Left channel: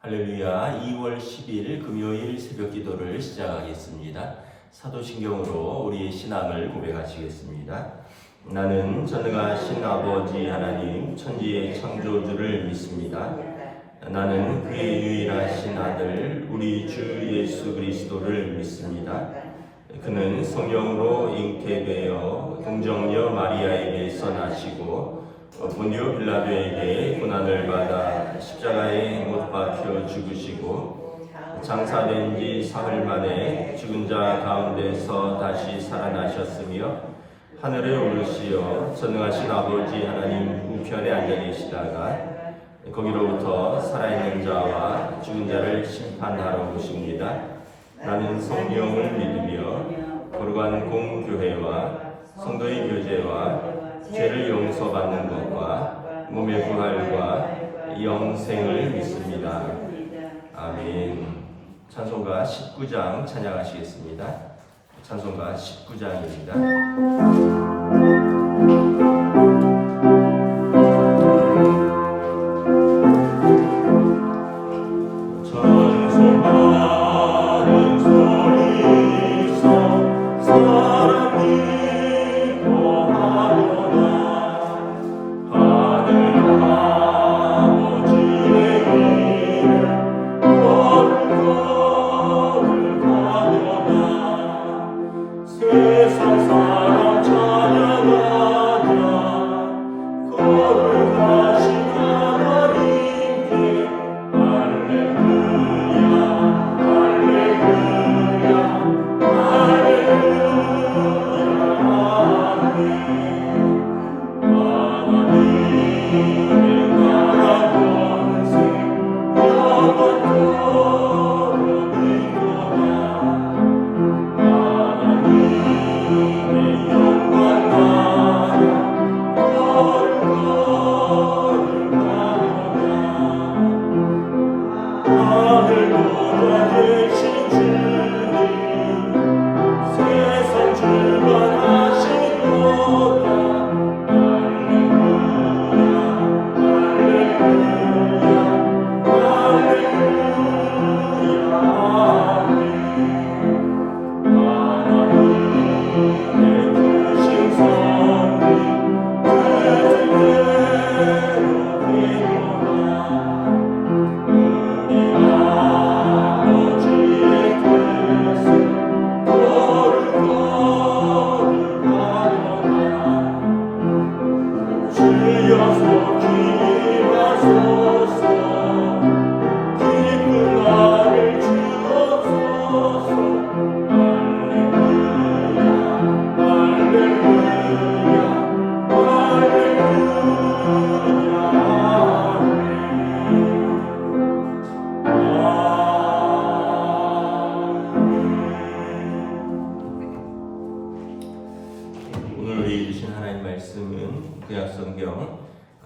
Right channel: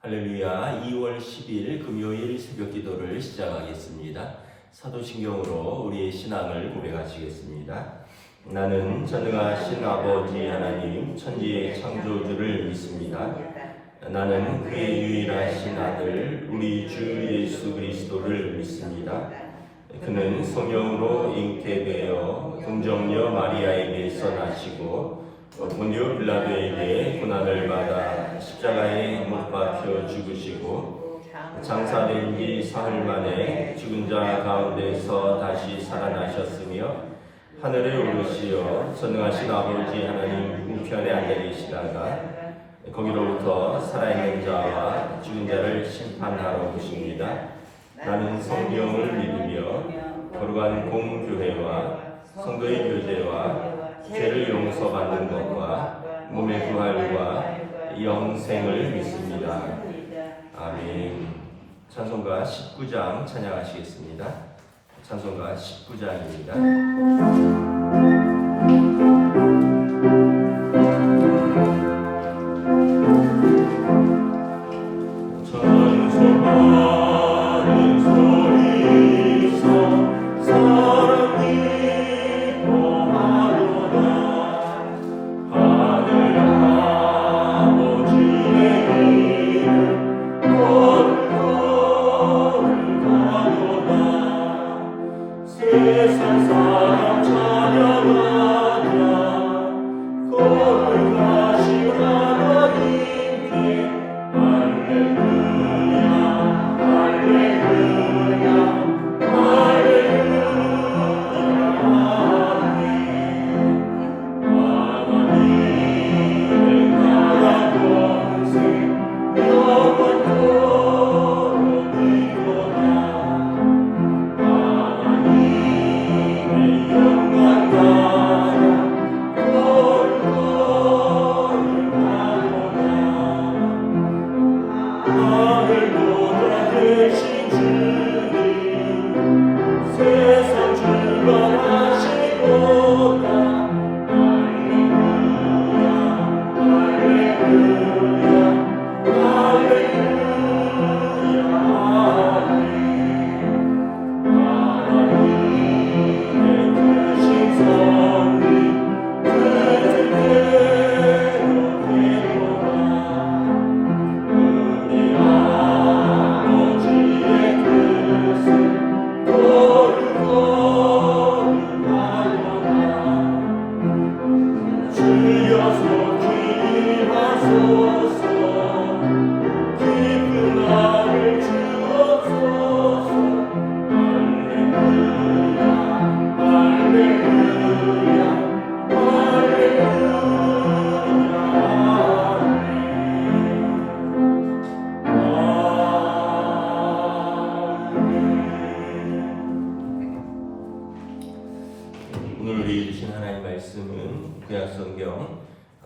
할렐루야. 2월 10일 금요일 새벽 기도를 시작하겠습니다. 사도신경으로 우리의 신앙을 고백하시겠습니다. 나는 전능하신 아버지 하나님 천지의 창조주를 믿습니다. 나는 그의 유일하신 아들 우리 주 예수 그리스도를 믿습니다. 그는 성령으로 잉태되어 동정녀 마리아에게서 나시고 본디오 빌라도에게 고난을 받아 십자가에 못 박혀 죽으시고 장사된 지 사흘 만에 죽은 자 가운데서 다시 살아나셨으며 하늘에 오르시어 전능하신 아버지 하나님 우편에 앉아 계시다가 거기로부터 살아있는 자와 죽은 자를 심판하러 오십니다. 나는 성령을 믿으며 거룩한 공교회와 성도의 교제와 죄를 용서받는 것과 몸의 부활과 영생을 믿습니다. 아멘. 찬송가 19장 찬양하시겠습니다. 찬송가 19장입니다.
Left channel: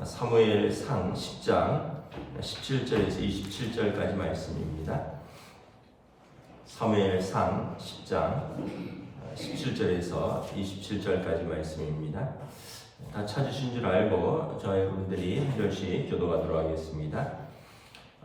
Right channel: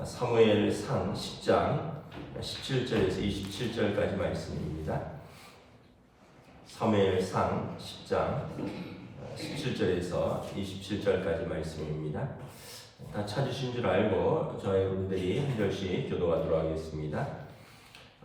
사무엘상 10장 17절에서 27절까지 말씀입니다. 사무엘상 10장 17절에서 27절까지 말씀입니다. 다 찾으신 줄 알고 저희 우리들이 한 절씩 교도하도록 하겠습니다.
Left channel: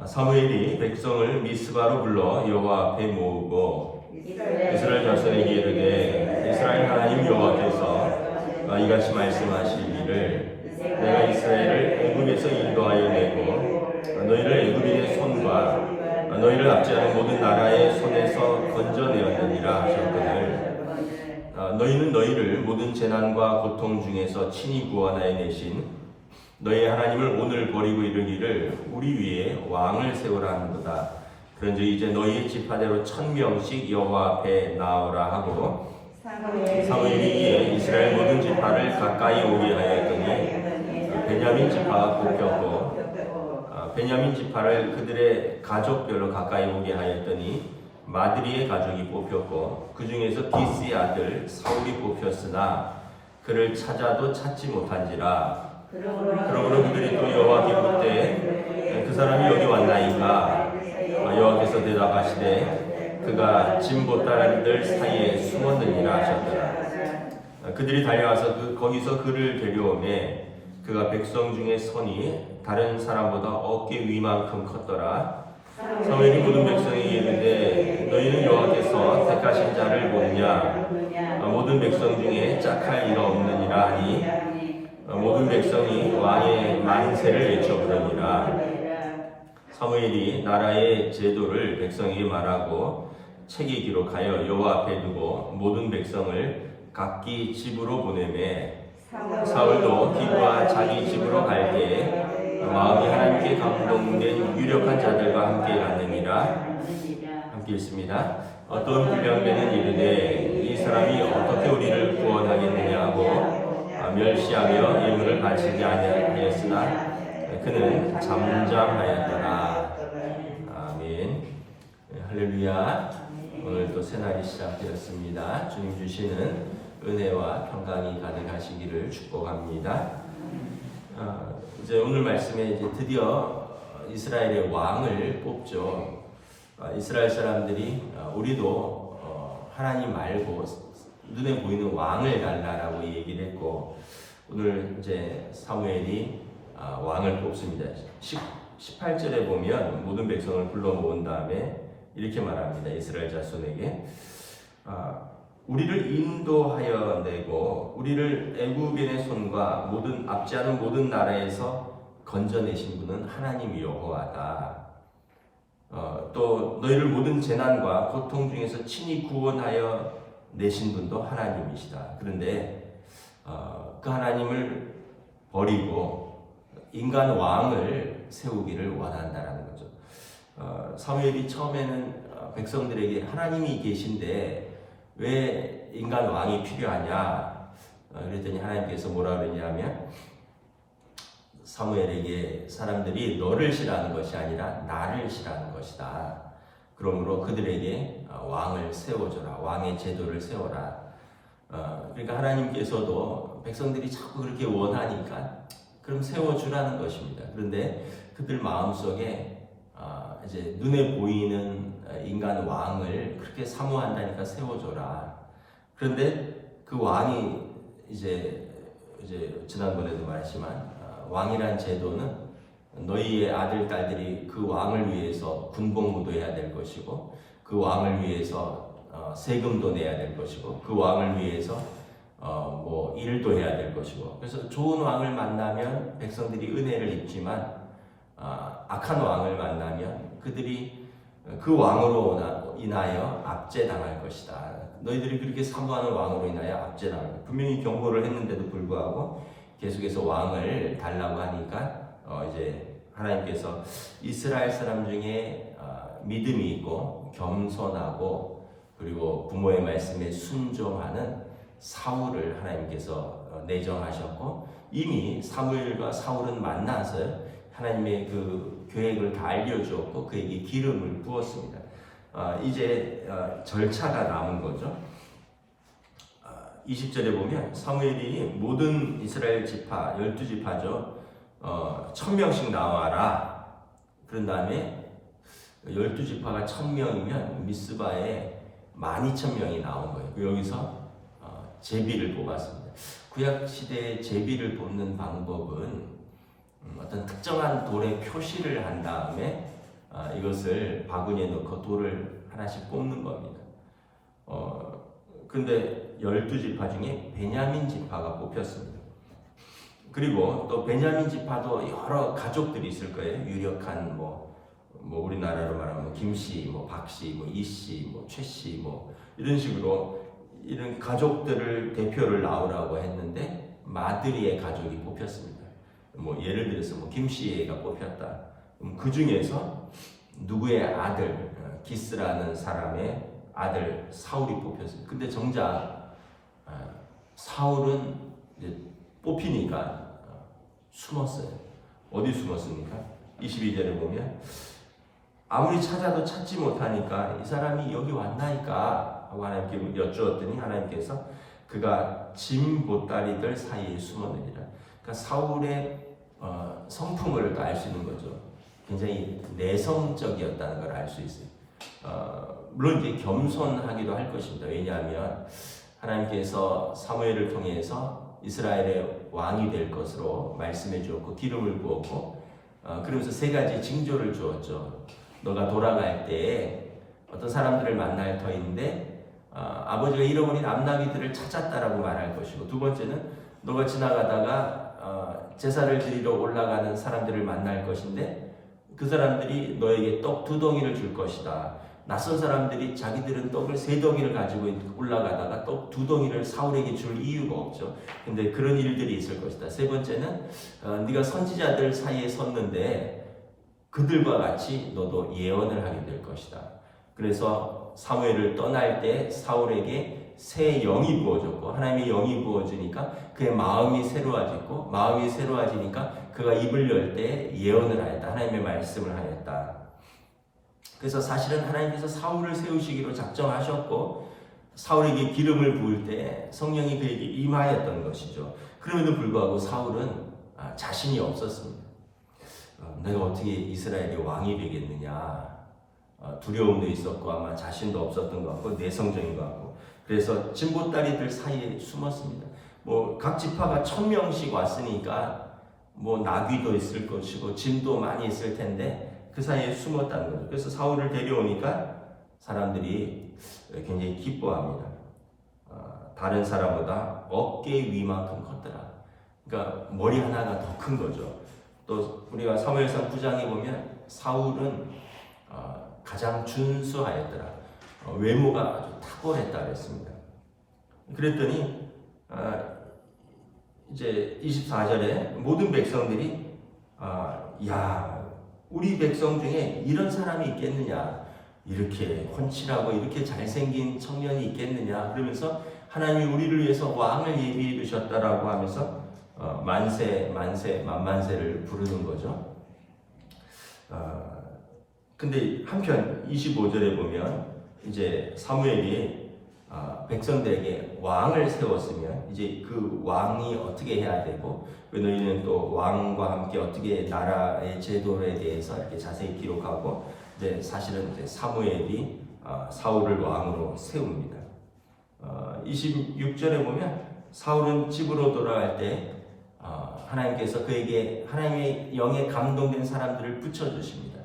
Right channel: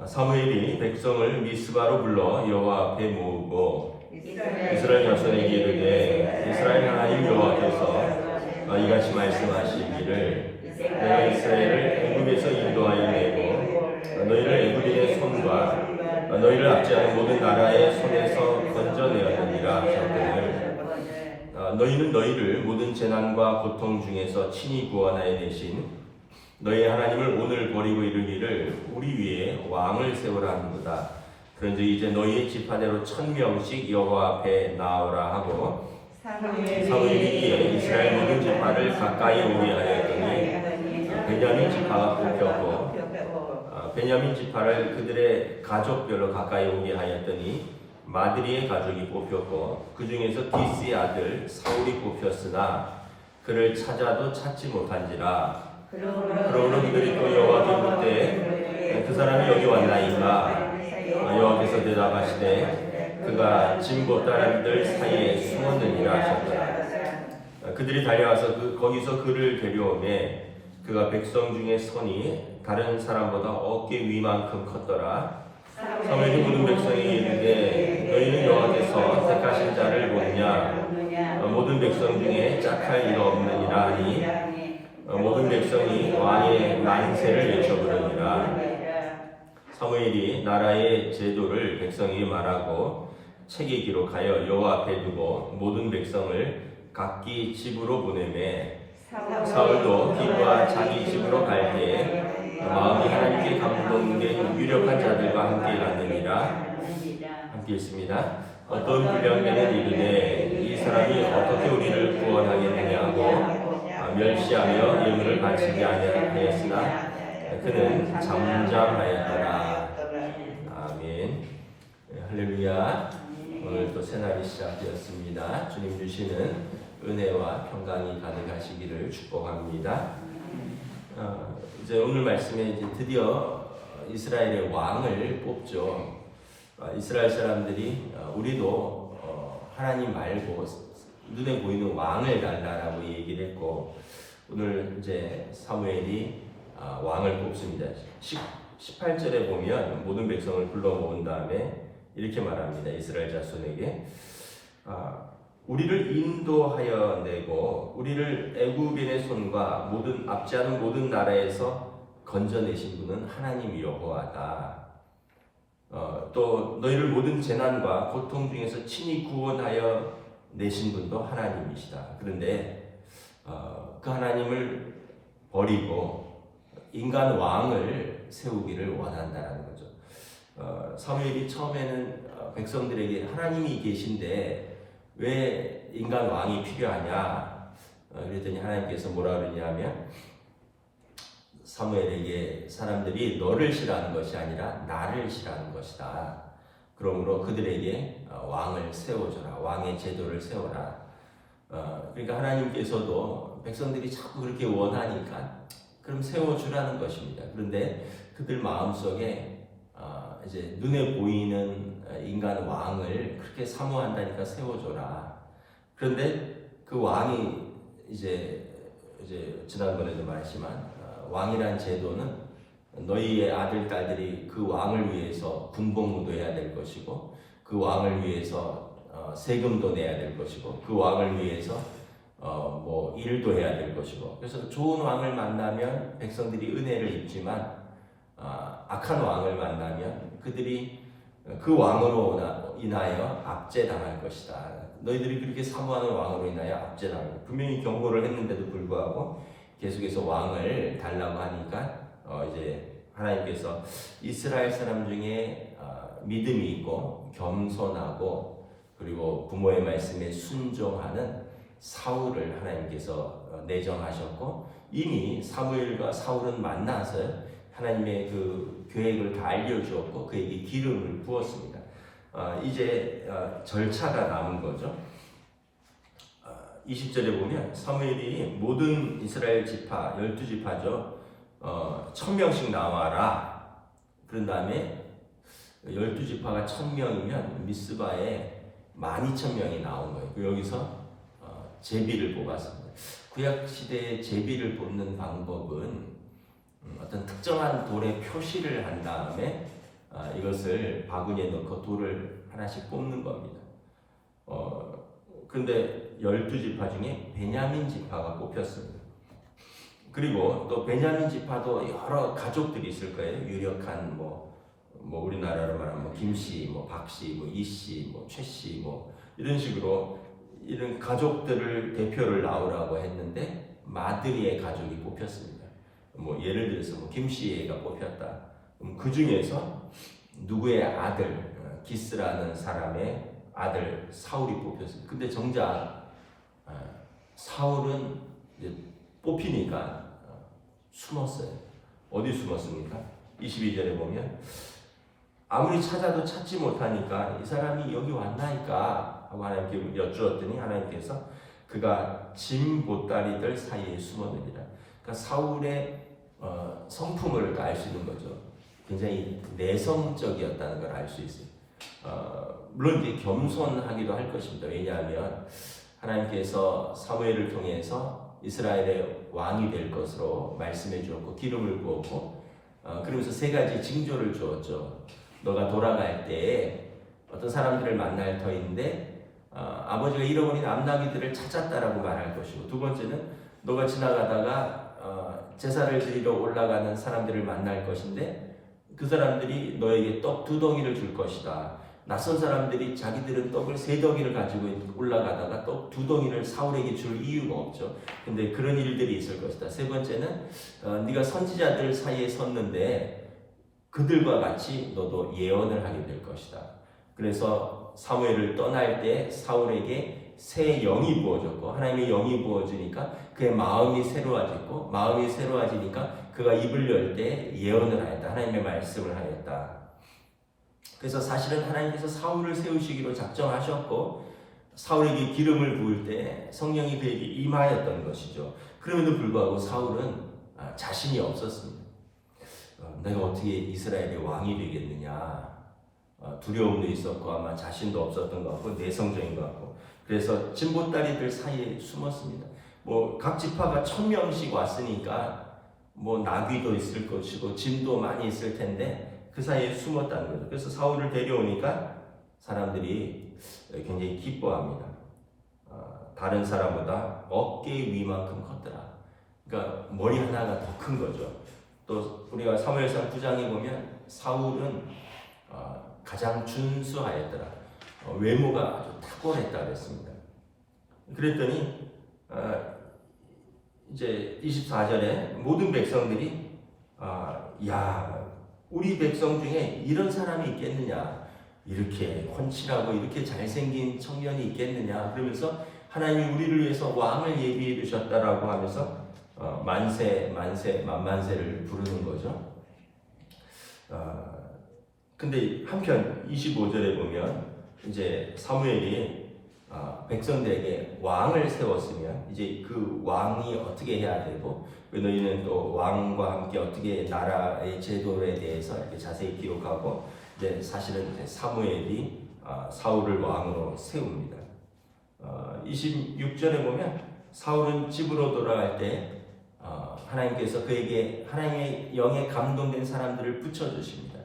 사무엘이 백성을 미스바로 불러 여호와 앞에 모으고 이스라엘 자손에게 이르되 이스라엘 하나님 여호와께서 이같이 말씀하시기를 내가 이스라엘을 애굽에서 인도하여 내고 너희를 애굽인의 손과 너희를 압제하는 모든 나라의 손에서 건져내었느니라 하셨거늘 너희는 너희를 모든 재난과 고통 중에서 친히 구원하여 내신 너희 하나님을 오늘 버리고 이르기를 우리 위에 왕을 세우라 하는도다. 그런즉 이제 너희의 지파대로 1000명씩 여호와 앞에 나오라 하고 사무엘이 이에 이스라엘 모든 지파를 가까이 오게 하였더니 베냐민 지파가 뽑혔고 베냐민 지파를 그들의 가족별로 가까이 오게 하였더니 마드리의 가족이 뽑혔고 그 중에서 기스의 아들 사울이 뽑혔으나 그를 찾아도 찾지 못한지라. 그러므로 그들이 또 여호와께 묻되 그 사람이 여기 왔나이까? 여호와께서 대답하시되 그가 진보따라들 사이에 숨었느니라 하셨더라. 그들이 달려와서 거기서 그를 데려오매 그가 백성 중에 손이 다른 사람보다 어깨 위만큼 컸더라. 사무엘이 모든 백성에게 이르되 너희는 여호와께서 택하신 자를 보느냐 모든 백성 중에 짝할 일 없느니라 하니 모든 백성이 왕의 만세를 외쳐 부르니라. 사무엘이 나라의 제도를 백성에게 말하고 책에 기록하여 여호와 앞에 두고 모든 백성을 각기 집으로 보내매 사울도 기브와 자기 집으로 갈 때에 마음이 하나님께 감동된 유력한 자들과 함께 갔느니라. 함께 있습니다. 어떤 불량배는 이르되 이 사람이 어떻게 우리를 구원하겠느냐고 멸시하며 예물을 바치지 아니하였으나 그는 잠잠하였더라. 아멘. 할렐루야. 오늘 또 새날이 시작되었습니다. 주님 주시는 은혜와 평강이 가득하시기를 축복합니다. 이제 오늘 말씀에 이제 드디어 이스라엘의 왕을 뽑죠. 이스라엘 사람들이 우리도 하나님 말고 눈에 보이는 왕을 달라라고 얘기를 했고, 오늘 이제 사무엘이 왕을 뽑습니다. 18절에 보면 모든 백성을 불러 모은 다음에 이렇게 말합니다. 이스라엘 자손에게 우리를 인도하여 내고 우리를 애굽인의 손과 모든 압제하는 모든 나라에서 건져내신 분은 하나님 여호와다. 또 너희를 모든 재난과 고통 중에서 친히 구원하여 내신 분도 하나님이시다. 그런데 그 하나님을 버리고 인간 왕을 세우기를 원한다라는 거죠. 사무엘이 처음에는 백성들에게 하나님이 계신데 왜 인간 왕이 필요하냐 그랬더니 하나님께서 뭐라 그러냐면 사무엘에게 사람들이 너를 싫어하는 것이 아니라 나를 싫어하는 것이다. 그러므로 그들에게 왕을 세워줘라. 왕의 제도를 세워라. 그러니까 하나님께서도 백성들이 자꾸 그렇게 원하니까 그럼 세워주라는 것입니다. 그런데 그들 마음속에 이제 눈에 보이는 인간 왕을 그렇게 사모한다니까 세워줘라. 그런데 그 왕이 이제 지난번에도 말했지만 왕이란 제도는 너희의 아들, 딸들이 그 왕을 위해서 군복무도 해야 될 것이고 그 왕을 위해서 세금도 내야 될 것이고 그 왕을 위해서 뭐 일도 해야 될 것이고, 그래서 좋은 왕을 만나면 백성들이 은혜를 입지만 악한 왕을 만나면 그들이 그 왕으로 인하여 압제당할 것이다. 너희들이 그렇게 사모하는 왕으로 인하여 압제당할 것이다. 분명히 경고를 했는데도 불구하고 계속해서 왕을 달라고 하니까 이제 하나님께서 이스라엘 사람 중에 믿음이 있고 겸손하고 그리고 부모의 말씀에 순종하는 사울을 하나님께서 내정하셨고, 이미 사무엘과 사울은 만나서 하나님의 그 계획을 다 알려주었고 그에게 기름을 부었습니다. 이제 절차가 남은 거죠. 20절에 보면 사무엘이 모든 이스라엘 지파 12지파죠. 1000명씩 나와라. 그런 다음에 12지파가 1000명이면 미스바에 12,000명이 나온 거예요. 여기서 제비를 뽑았습니다. 구약 시대의 제비를 뽑는 방법은 어떤 특정한 돌에 표시를 한 다음에 이것을 바구니에 넣고 돌을 하나씩 뽑는 겁니다. 근데 12지파 중에 베냐민 지파가 뽑혔습니다. 그리고 또 베냐민 지파도 여러 가족들이 있을 거예요. 유력한 뭐 우리나라로 말하면 뭐 김씨, 뭐 박씨, 뭐 이씨, 뭐 최씨, 뭐 이런 식으로 이런 가족들을 대표를 나오라고 했는데 마드리의 가족이 뽑혔습니다. 뭐 예를 들어서 뭐 김씨가 뽑혔다. 그 중에서 누구의 아들 기스라는 사람의 아들 사울이 뽑혔습니다. 근데 정작 사울은 이제 뽑히니까 숨었어요. 어디 숨었습니까? 22절에 보면 아무리 찾아도 찾지 못하니까 이 사람이 여기 왔나이까 하고 하나님께 여쭈었더니 하나님께서 그가 짐 보따리들 사이에 숨었느니라. 그러니까 사울의 성품을 알 수 있는 거죠. 굉장히 내성적이었다는 걸 알 수 있어요. 물론 이제 겸손하기도 할 것입니다. 왜냐하면 하나님께서 사무엘을 통해서 이스라엘의 왕이 될 것으로 말씀해 주었고 기름을 부었고 그러면서 세 가지 징조를 주었죠. 너가 돌아갈 때 어떤 사람들을 만날 터인데 아버지가 잃어버린 암나귀들을 찾았다라고 말할 것이고, 두 번째는 너가 지나가다가 제사를 드리러 올라가는 사람들을 만날 것인데 그 사람들이 너에게 떡 2덩이를 줄 것이다. 낯선 사람들이 자기들은 떡을 3덩이를 가지고 올라가다가 떡 2덩이를 사울에게 줄 이유가 없죠. 근데 그런 일들이 있을 것이다. 세 번째는 네가 선지자들 사이에 섰는데 그들과 같이 너도 예언을 하게 될 것이다. 그래서 사무엘을 떠날 때 사울에게 새 영이 부어졌고, 하나님의 영이 부어지니까 그의 마음이 새로워지고, 마음이 새로워지니까 그가 입을 열 때 예언을 하였다. 하나님의 말씀을 하였다. 그래서 사실은 하나님께서 사울을 세우시기로 작정하셨고, 사울에게 기름을 부을 때 성령이 그에게 임하였던 것이죠. 그럼에도 불구하고 사울은 자신이 없었습니다. 내가 어떻게 이스라엘의 왕이 되겠느냐, 두려움도 있었고 아마 자신도 없었던 것 같고 내성적인 것 같고, 그래서 진보다리들 사이에 숨었습니다. 뭐 각 지파가 1000명씩 왔으니까 뭐 나귀도 있을 것이고 짐도 많이 있을 텐데 그 사이에 숨었다는 거죠. 그래서 사울을 데려오니까 사람들이 굉장히 기뻐합니다. 다른 사람보다 어깨 위만큼 컸더라. 그러니까 머리 하나가 더 큰 거죠. 또 우리가 사무엘상 9장에 보면 사울은 가장 준수하였더라. 외모가 아주 탁월했다 그랬습니다. 그랬더니 이제 24절에 모든 백성들이 야, 우리 백성 중에 이런 사람이 있겠느냐, 이렇게 훤칠하고 이렇게 잘생긴 청년이 있겠느냐, 그러면서 하나님이 우리를 위해서 왕을 예비해 두셨다라고 하면서 만세를 부르는 거죠. 근데 한편 25절에 보면 이제 사무엘이 백성들에게 왕을 세웠으면 이제 그 왕이 어떻게 해야 되고, 너희는 또 왕과 함께 어떻게 나라의 제도에 대해서 이렇게 자세히 기록하고, 이제 사실은 이제 사무엘이 사울을 왕으로 세웁니다. 26절에 보면 사울은 집으로 돌아갈 때 하나님께서 그에게 하나님의 영에 감동된 사람들을 붙여주십니다.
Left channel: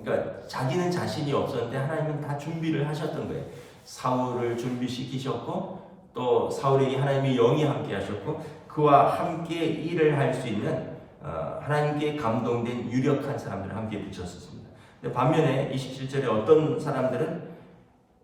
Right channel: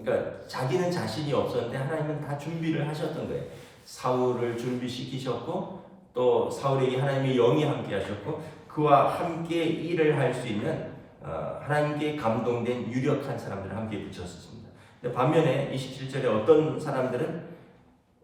그러니까 자기는 자신이 없었는데 하나님은 다 준비를 하셨던 거예요. 사울을 준비시키셨고, 또 사울에게 하나님의 영이 함께 하셨고, 그와 함께 일을 할 수 있는 하나님께 감동된 유력한 사람들을 함께 붙였습니다. 근데 반면에 27절에 어떤 사람들은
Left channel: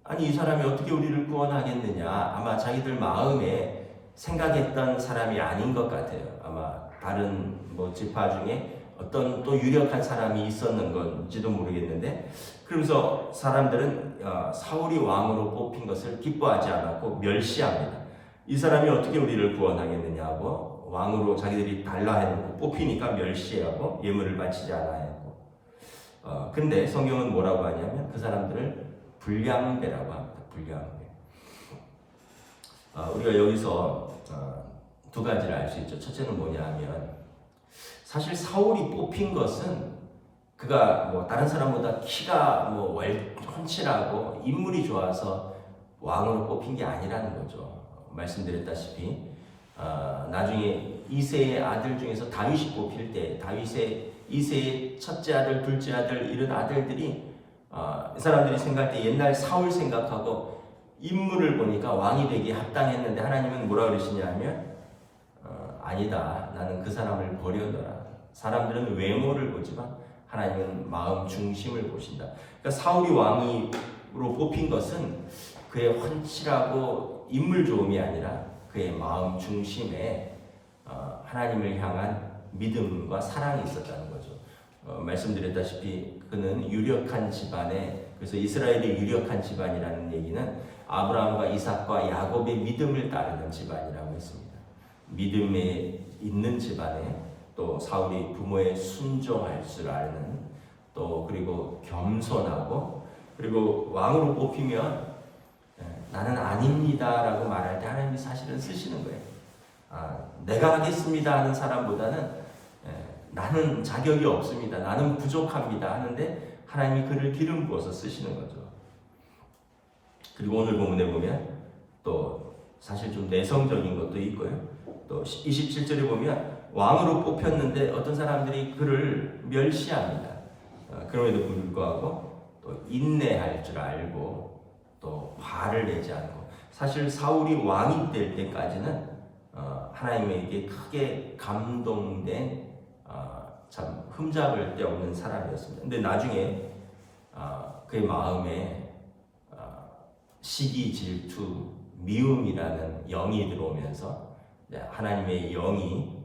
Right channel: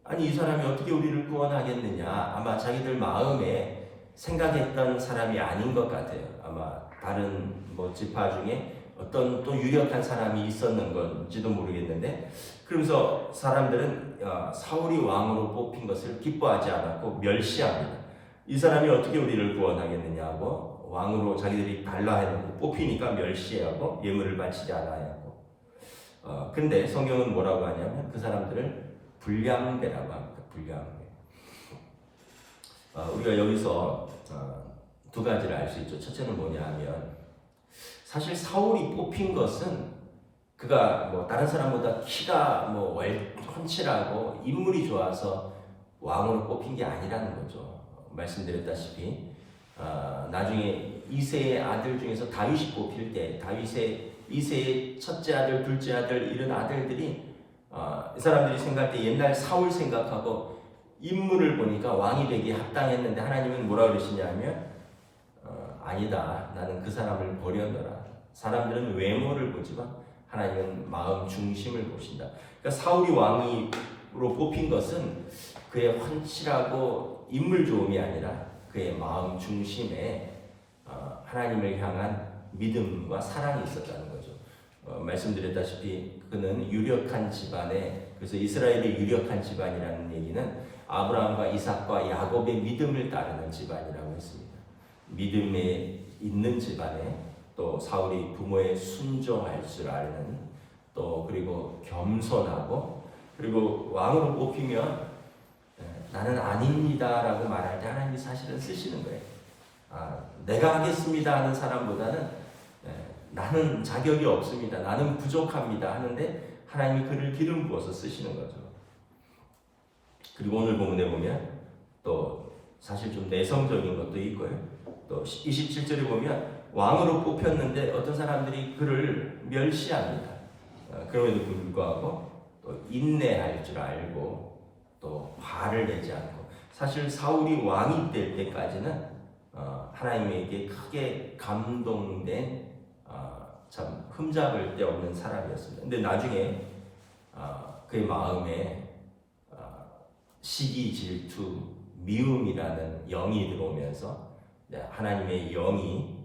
아니 이 사람이 어떻게 우리를 구원하겠느냐, 아마 자기들 마음에 생각했던 사람이 아닌 것 같아요. 아마 다른 뭐 지파 중에 어떤 또 유력한 사람이 있었는 건지도 모르겠는데, 그러면서 사람들은 사울이 왕으로 뽑힌 것을 기뻐하지 않았고 멸시합니다. 이 사람이 어떻게 우리를 구원하겠느냐고 왕으로 자기들이 달라 해놓고 뽑히니까 멸시하고 예물을 바치지 않아야 하고. 근데 성경은 뭐라고 하냐면 그 사람들을 불량배라고 합니다. 불량배. 우리가 여기서 두 가지를 알 수 있죠. 첫째는 뭐냐 하면, 사실 사울이 뽑힌 것은 그가 뭐 다른 사람보다 키가 뭐 훤칠하고 인물이 좋아서 왕으로 뽑힌 게 아니라는 거죠. 말씀드렸다시피 나중에 이새의 아들 중에서 다윗이 뽑힐 때 이새의 첫째 아들, 둘째 아들 이런 아들들이 이 사람들이 생각할 때 옛날 사울 생각하고 인물을 보니까 왕이 되기에 합당했는데 하나님은 뭐라 그러시냐 하면 아니다. 나는 그 사람을 버려둬라. 사람들은 외모를 보지만 하나님은 마음 중심을 보신다. 그러니까 사울이 왕으로 뽑힌 것은 그의 훤칠하고 인물 좋음이 아니라 그의 마음 중심에 하나님을 향한 믿음과 사랑이 있었다는 거죠. 말씀드렸다시피 그는 유력한 집안에, 그래서 이스라엘의 유력한 집안이라는 얘기는 아브라함과 이삭과 야곱의 믿음을 따르는 집안이라고 했습니다. 믿음에 있는 집안에, 또 사울이 부모에 순종할 줄 아는, 또 그리고 겸손하고, 그리고 왕으로 뽑히면 나는 아닙니다 라고 말할 때 하나님이 사실은 쓰시는 거예요. 내가 하겠습니다 하는 사람보다는 나는 자격이 없습니다, 나는 부족합니다 하는데 하나님이 그를 기름 부어서 쓰시는 거죠. 그리고 오늘 본문에 보면 또 사실 좀 내성적인 것도 있고요. 또 27절에 보면 왕으로 뽑혔는데 어떤 사람들이 그를 멸시합니다. 그럼에도 불구하고 또 인내할 줄 알고 또 화를 내지 않고, 사실 사울이 왕이 될 때까지는 하나님에게 크게 감동된 참 흠잡을 데 없는 사람이었습니다. 근데 나중에 그의 마음에 시기, 질투, 미움이라는 영이 들어오면서 하나님의 영이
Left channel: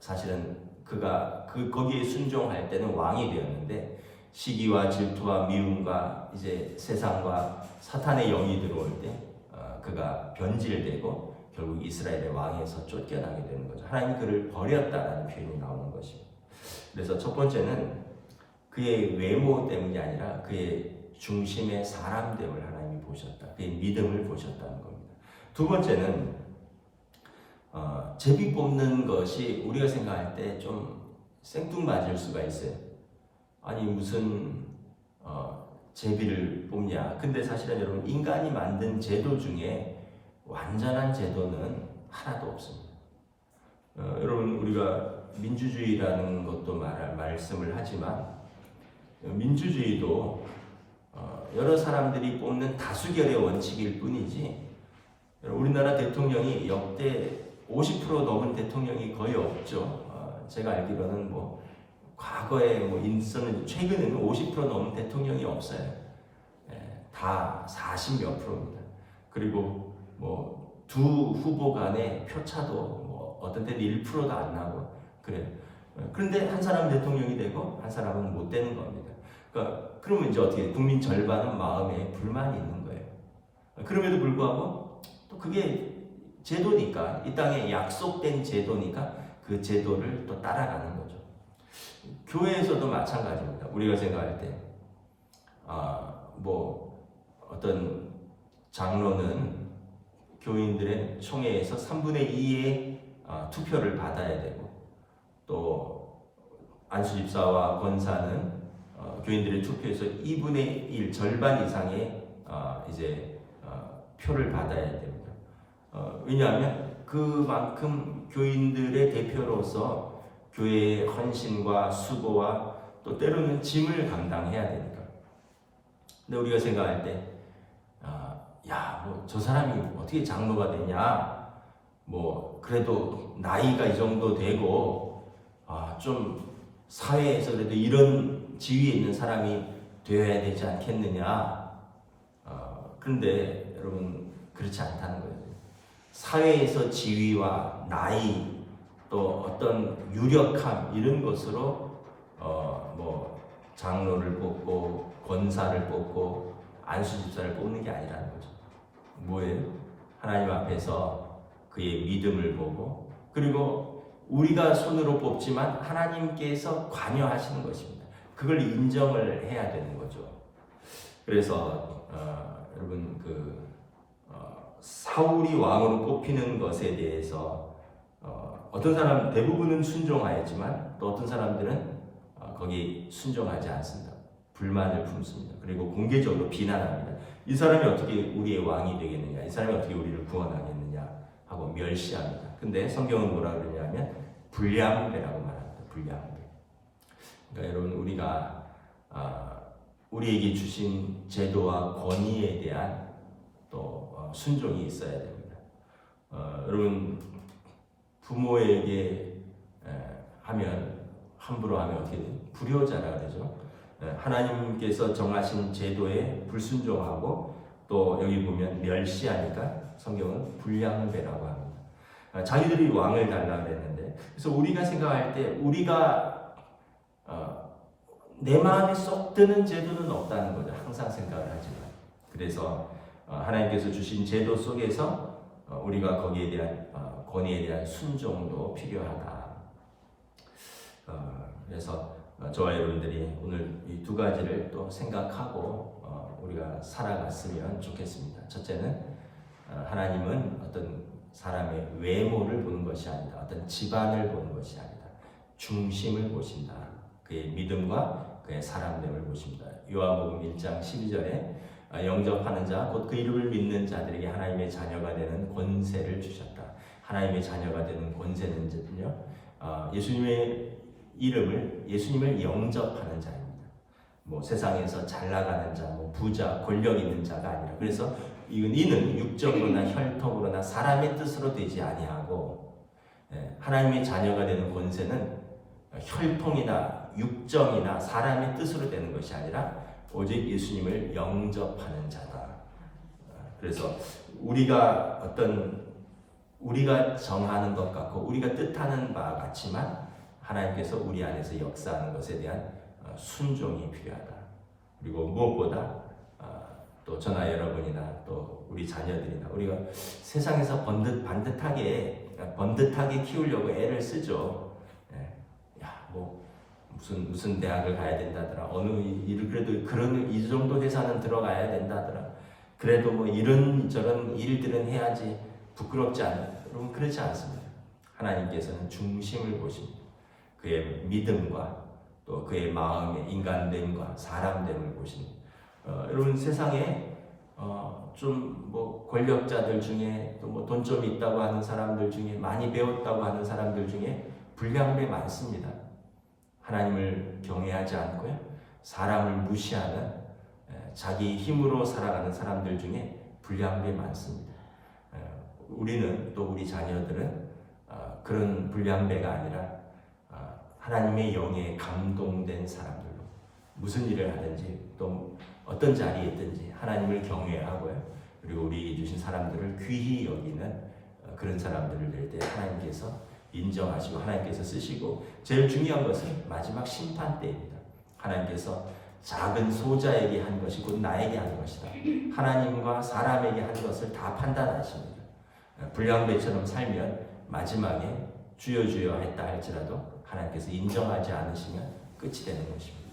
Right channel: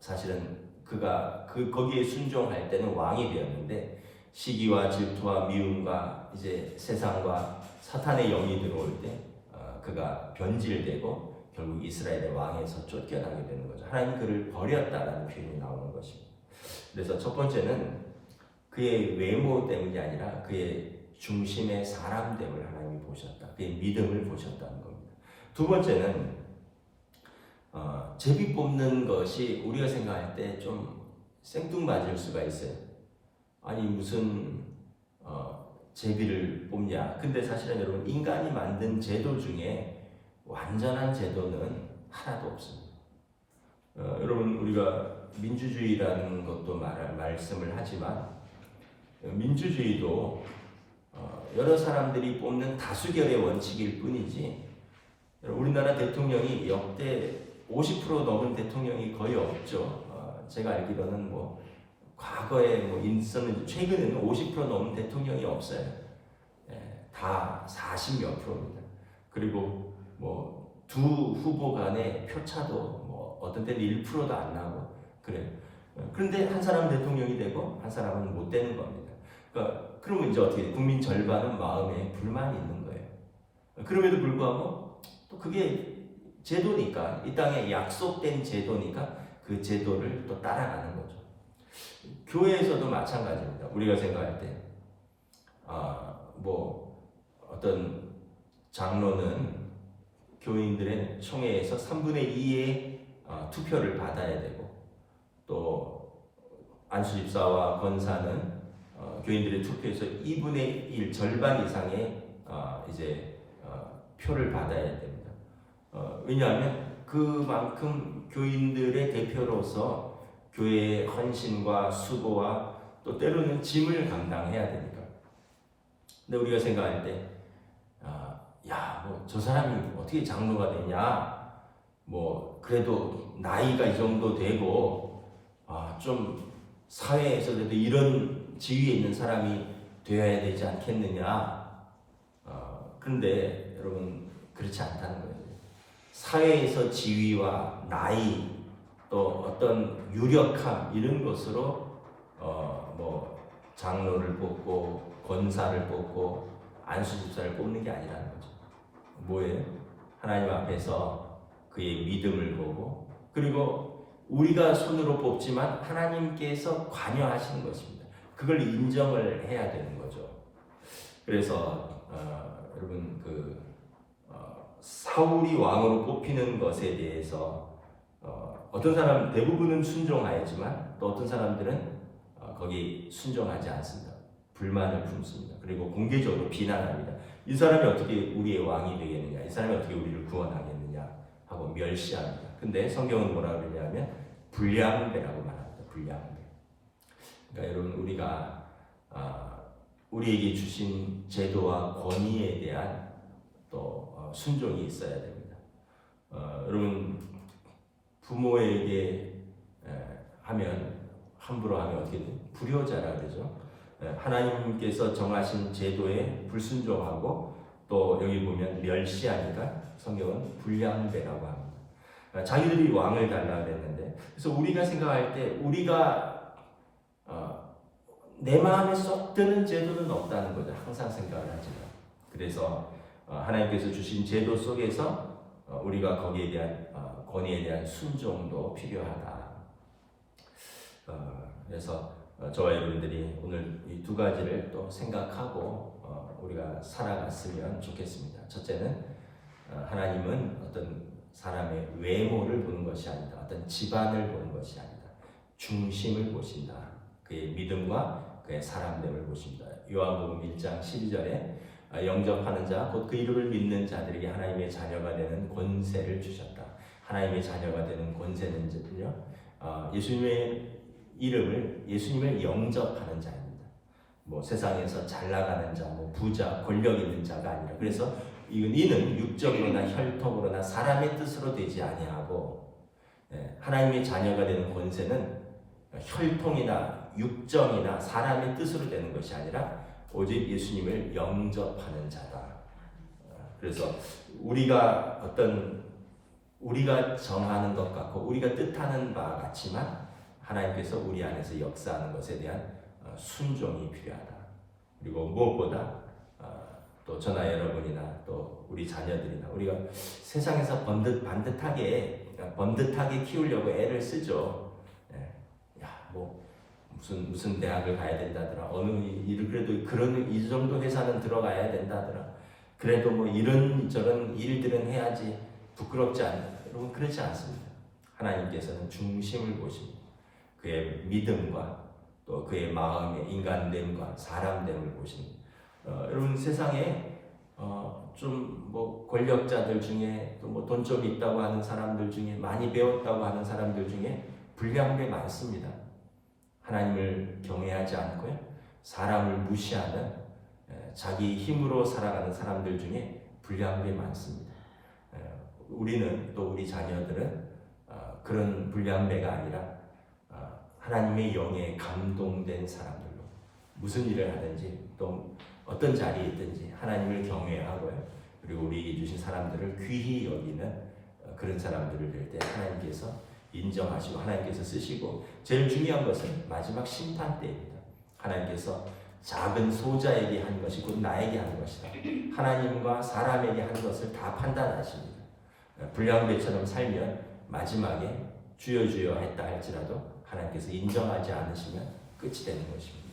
사실은 그가 거기에 순종할 때는 왕이 되었는데, 시기와 질투와 미움과 이제 세상과 사탄의 영이 들어올 때 그가 변질되고 결국 이스라엘의 왕에서 쫓겨나게 되는 거죠. 하나님이 그를 버렸다라는 표현이 나오는 것입니다. 그래서 첫 번째는 그의 외모 때문이 아니라 그의 중심의 사람됨을 하나님이 보셨다. 그의 믿음을 보셨다는 겁니다. 두 번째는 제비 뽑는 것이 우리가 생각할 때 좀 생뚱맞을 수가 있어요. 아니 무슨 제비를 뽑냐. 근데 사실은 여러분, 인간이 만든 제도 중에 완전한 제도는 하나도 없습니다. 여러분, 우리가 민주주의라는 것도 말씀을 하지만 민주주의도 여러 사람들이 뽑는 다수결의 원칙일 뿐이지, 우리나라 대통령이 역대 50% 넘은 대통령이 거의 없죠. 제가 알기로는 과거에 있었는데 최근에는 50% 넘은 대통령이 없어요. 다 40몇 %입니다. 그리고 두 후보 간의 표차도 어떤 때는 1%도 안 나고 그래요. 그런데 한 사람은 대통령이 되고 한 사람은 못 되는 겁니다. 그러면 이제 어떻게 국민 절반은 마음에 불만이 있는 거예요. 그럼에도 불구하고 또 그게 제도니까, 이 땅에 약속된 제도니까 그 제도를 또 따라가는 거죠. 교회에서도 마찬가지입니다. 우리가 생각할 때 어떤 장로는 교인들의 총회에서 3분의 2의 투표를 받아야 되고, 또 안수 집사와 권사는 교인들의 투표에서 2분의 1 절반 이상의 표를 받아야 됩니다. 왜냐하면 그만큼 교인들의 대표로서 교회의 헌신과 수고와 또 때로는 짐을 감당해야 되니까. 근데 우리가 생각할 때 저 사람이 어떻게 장로가 되냐, 그래도 나이가 이 정도 되고 좀 사회에서 그래도 이런 지위에 있는 사람이 되어야 되지 않겠느냐. 그런데 여러분, 그렇지 않다는 거예요. 사회에서 지위와 나이, 또 어떤 유력함, 이런 것으로 장로를 뽑고 권사를 뽑고 안수집사를 뽑는 게 아니라는 거죠. 뭐예요? 하나님 앞에서 그의 믿음을 보고, 그리고 우리가 손으로 뽑지만 하나님께서 관여하시는 것입니다. 그걸 인정을 해야 되는 거죠. 그래서 여러분, 사울이 왕으로 뽑히는 것에 대해서 어떤 사람, 대부분은 순종하였지만 또 어떤 사람들은 거기 순종하지 않습니다. 불만을 품습니다. 그리고 공개적으로 비난합니다. 이 사람이 어떻게 우리의 왕이 되겠느냐, 이 사람이 어떻게 우리를 구원하겠느냐 하고 멸시합니다. 근데 성경은 뭐라 그러냐면 불량배라고 말합니다. 불량배. 그러니까 여러분, 우리가 우리에게 주신 제도와 권위에 대한 또 순종이 있어야 됩니다. 여러분, 부모에게 함부로 하면 어떻게 돼요? 불효자라 그러죠. 하나님께서 정하신 제도에 불순종하고 또 여기 보면 멸시하니까 성경은 불량배라고 합니다. 자기들이 왕을 달라 그랬는데, 그래서 우리가 생각할 때 우리가 내 마음에 쏙 드는 제도는 없다는 거죠. 항상 생각을 하지만. 그래서 하나님께서 주신 제도 속에서 우리가 거기에 대한 권위에 대한 순종도 필요하다. 그래서 저와 여러분들이 오늘 이 두 가지를 또 생각하고 우리가 살아갔으면 좋겠습니다. 첫째는 하나님은 어떤 사람의 외모를 보는 것이 아니다. 어떤 집안을 보는 것이 아니다. 중심을 보신다. 그의 믿음과 그의 사람됨을 보십니다. 요한복음 1장 12절에 영접하는 자, 곧 그 이름을 믿는 자들에게 하나님의 자녀가 되는 권세를 주셨다. 하나님의 자녀가 되는 권세는요, 예수님의 이름을, 예수님을 영접하는 자입니다. 뭐 세상에서 잘 나가는 자, 뭐 부자, 권력 있는 자가 아니라 그래서 이는 육적으로나 혈통으로나 사람의 뜻으로 되지 아니하고 하나님의 자녀가 되는 권세는 혈통이나 육정이나 사람의 뜻으로 되는 것이 아니라 오직 예수님을 영접하는 자다. 그래서 우리가 정하는 것 같고 우리가 뜻하는 바 같지만 하나님께서 우리 안에서 역사하는 것에 대한 순종이 필요하다. 그리고 무엇보다 또 저나 여러분이나 또 우리 자녀들이나 우리가 세상에서 번듯하게 키우려고 애를 쓰죠. 뭐 무슨 대학을 가야 된다더라. 어느 일을 그래도 이 정도 회사는 들어가야 된다더라. 그래도 뭐 이런저런 일들은 해야지 부끄럽지 않아요. 여러분 그렇지 않습니다. 하나님께서는 중심을 보십니다. 그의 믿음과 또 그의 마음의 인간됨과 사람됨을 보십니다. 여러분 세상에 좀 뭐 권력자들 중에 또 뭐 돈 좀 있다고 하는 사람들 중에 많이 배웠다고 하는 사람들 중에 불량배 많습니다. 하나님을 경외하지 않고요. 사람을 무시하는 자기 힘으로 살아가는 사람들 중에 불량배 많습니다. 우리는 또 우리 자녀들은 그런 불량배가 아니라 하나님의 영에 감동된 사람들로 무슨 일을 하든지 또 어떤 자리에 있든지 하나님을 경외하고요. 그리고 우리 주신 사람들을 귀히 여기는 그런 사람들을 될 때 하나님께서 인정하시고 하나님께서 쓰시고 제일 중요한 것은 마지막 심판 때입니다. 하나님께서 작은 소자에게 한 것이 곧 나에게 한 것이다. 하나님과 사람에게 한 것을 다 판단하십니다. 불량배처럼 살면 마지막에 주여 주여 했다 할지라도 하나님께서 인정하지 않으시면 끝이 되는 것입니다.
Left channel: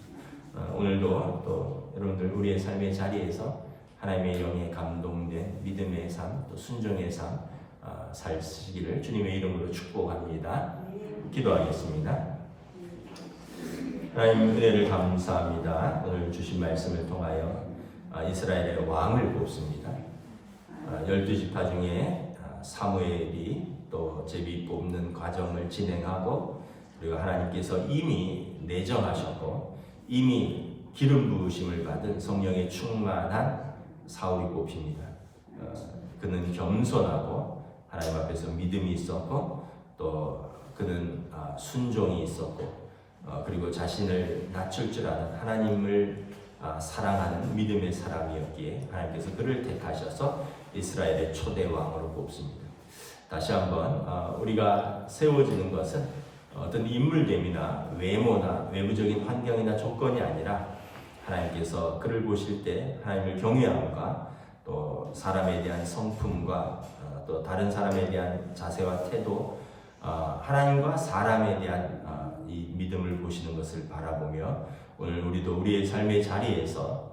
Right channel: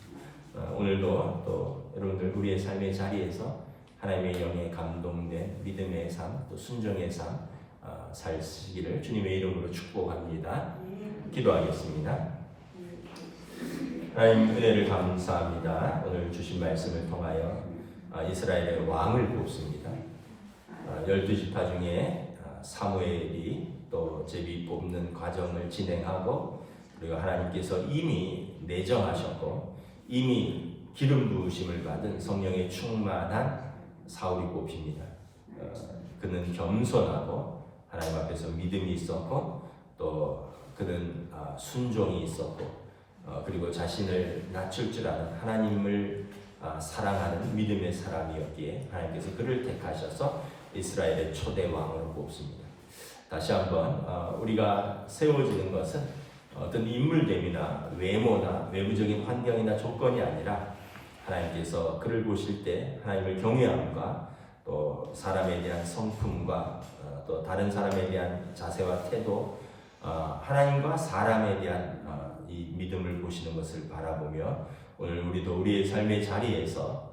오늘도 또 여러분들 우리의 삶의 자리에서 하나님의 영에 감동된 믿음의 삶, 또 순종의 삶 살시기를 주님의 이름으로 축복합니다. 기도하겠습니다. 하나님 은혜를 감사합니다. 오늘 주신 말씀을 통하여 이스라엘의 왕을 뽑습니다. 12지파 중에 사무엘이 또 제비 뽑는 과정을 진행하고 그리고 하나님께서 이미 내정하셨고 이미 기름 부으심을 받은 성령의 충만한 사울이 뽑힙니다. 그는 겸손하고 하나님 앞에서 믿음이 있었고 또 그는 순종이 있었고 그리고 자신을 낮출 줄 아는 하나님을 사랑하는 믿음의 사람이었기에 하나님께서 그를 택하셔서 이스라엘의 초대 왕으로 뽑습니다. 다시 한번 우리가 세워지는 것은 어떤 인물됨이나 외모나 외부적인 환경이나 조건이 아니라 하나님께서 그를 보실 때 하나님을 경외함과 또 사람에 대한 성품과 또 다른 사람에 대한 자세와 태도 하나님과 사람에 대한 이 믿음을 보시는 것을 바라보며 오늘 우리도 우리의 삶의 자리에서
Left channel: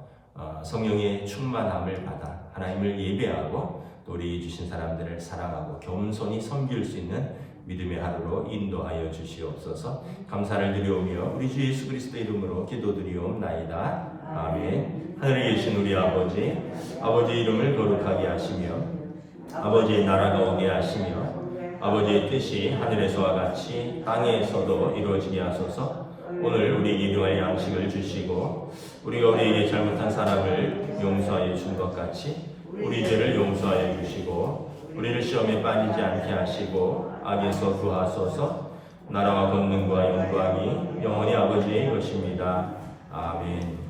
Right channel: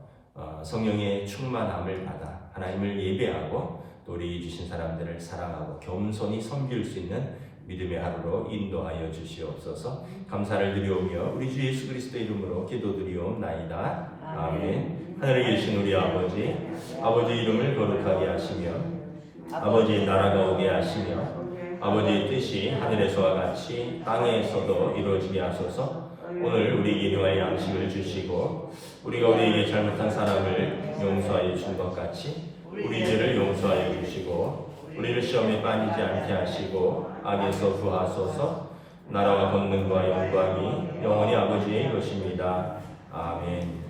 성령의 충만함을 받아 하나님을 예배하고 또 우리 주신 사람들을 사랑하고 겸손히 섬길 수 있는 믿음의 하루로 인도하여 주시옵소서. 감사를 드리오며 우리 주 예수 그리스도의 이름으로 기도드리옵나이다. 아멘. 하늘에 계신 우리 아버지의 이름을 거룩하게 하시며 아버지의 나라가 오게 하시며 아버지의 뜻이 하늘에서와 같이 땅에서도 이루어지게 하소서. 오늘 우리에게 일용할 양식을 주시고 우리가 우리에게 잘못한 사람을 용서하여 준 것 같이 우리 죄를 용서하여 주시고 우리를 시험에 빠지지 않게 하시고 악에서 구하소서. 나라와 권능과 영광이 영원히 아버지의 것입니다. 아멘.